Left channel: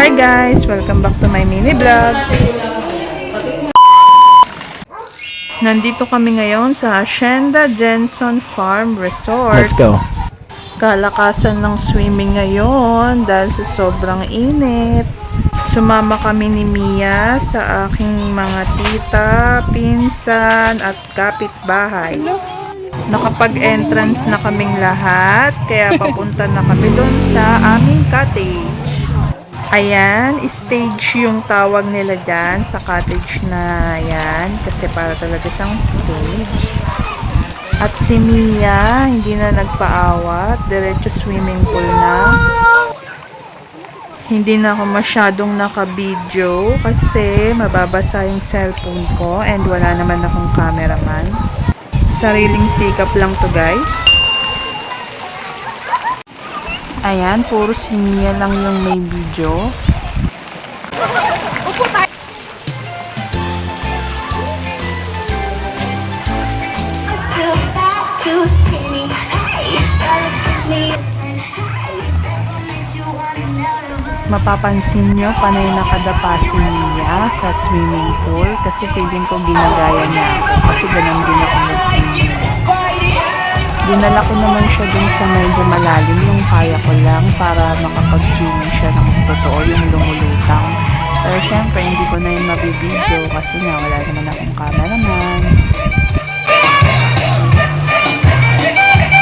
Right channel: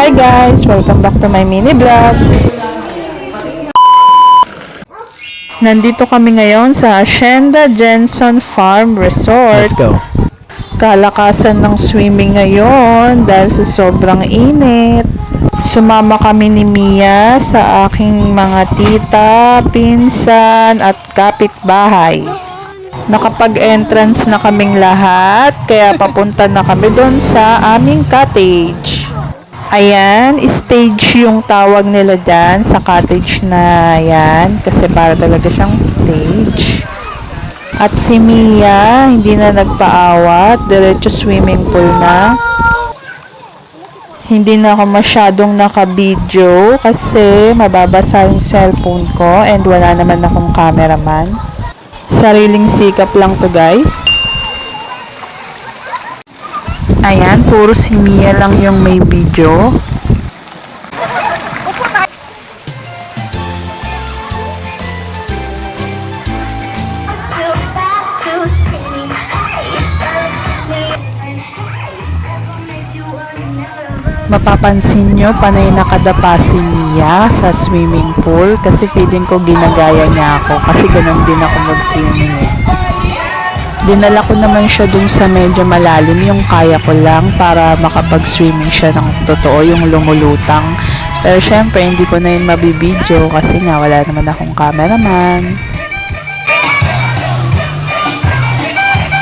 Hi guys! Welcome back to my mini vlog. Nandito kami ngayon sa Hacienda Jensen Farm Resort. Let's go. Kalakasan ng swimming ngayon dahil sa sobrang init. Sumama kami ni Mia sa aking mga tita, pinsan at kapitbahay. Nakapag-entrance na kaming lahat, kaya papunta na kami doon sa aming cottage. Ayan, stage yung tawag nila dyan sa cottage na yan, kasi para talaga siyang stage. At si Mia, hindi na nagpaawat, diretso swimming pool na. Hindi na ako masyadong naka-video kasi mababasa yung cellphone ko and wala naman akong cameraman. Sariling sikap lang to guys. Ayan, puro si Mia lang yung may video. Mapapansin nyo, panay nakadapa si Mia sa swimming pool kasi feeling ko ginagaya niya ako kasi ganun din ako mag-swimming. Dinala ko naman siya dun sa medyo malalim, yung kaya ko lang para makapag-swimming siya ng totoo, yung lumulutang. Pero syempre, hindi ko na yun mabibideo kasi nga wala naman akong cameraman.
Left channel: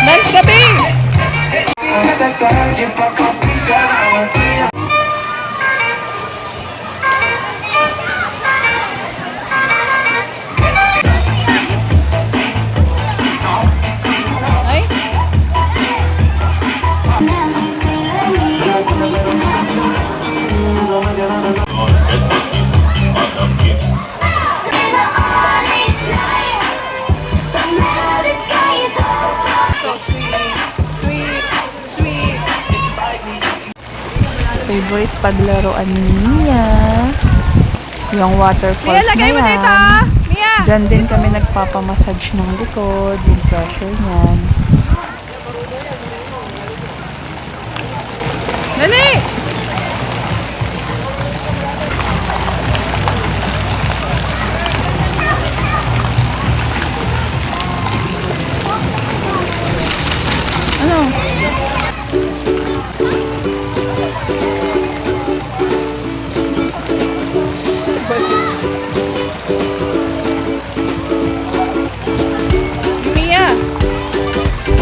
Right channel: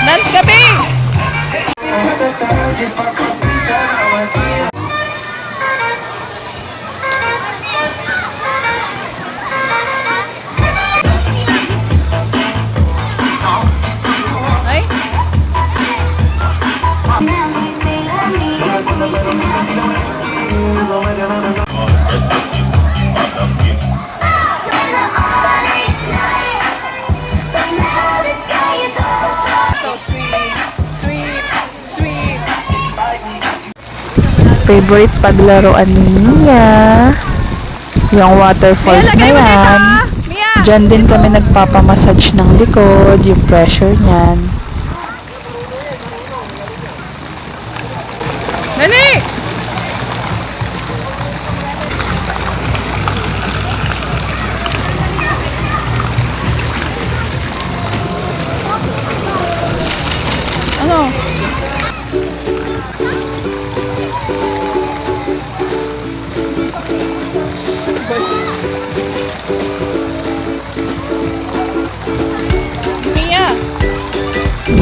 Nance gabi! Favorite paglaruan ni Mia, yung waterfalls na yan. Diyan din kami nagpapamassage ng likod, yung pressure niyan. Dali! Ano?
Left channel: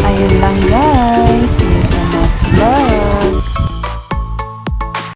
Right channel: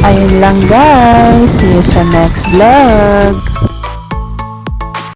Ayun lang guys. See you sa next vlog.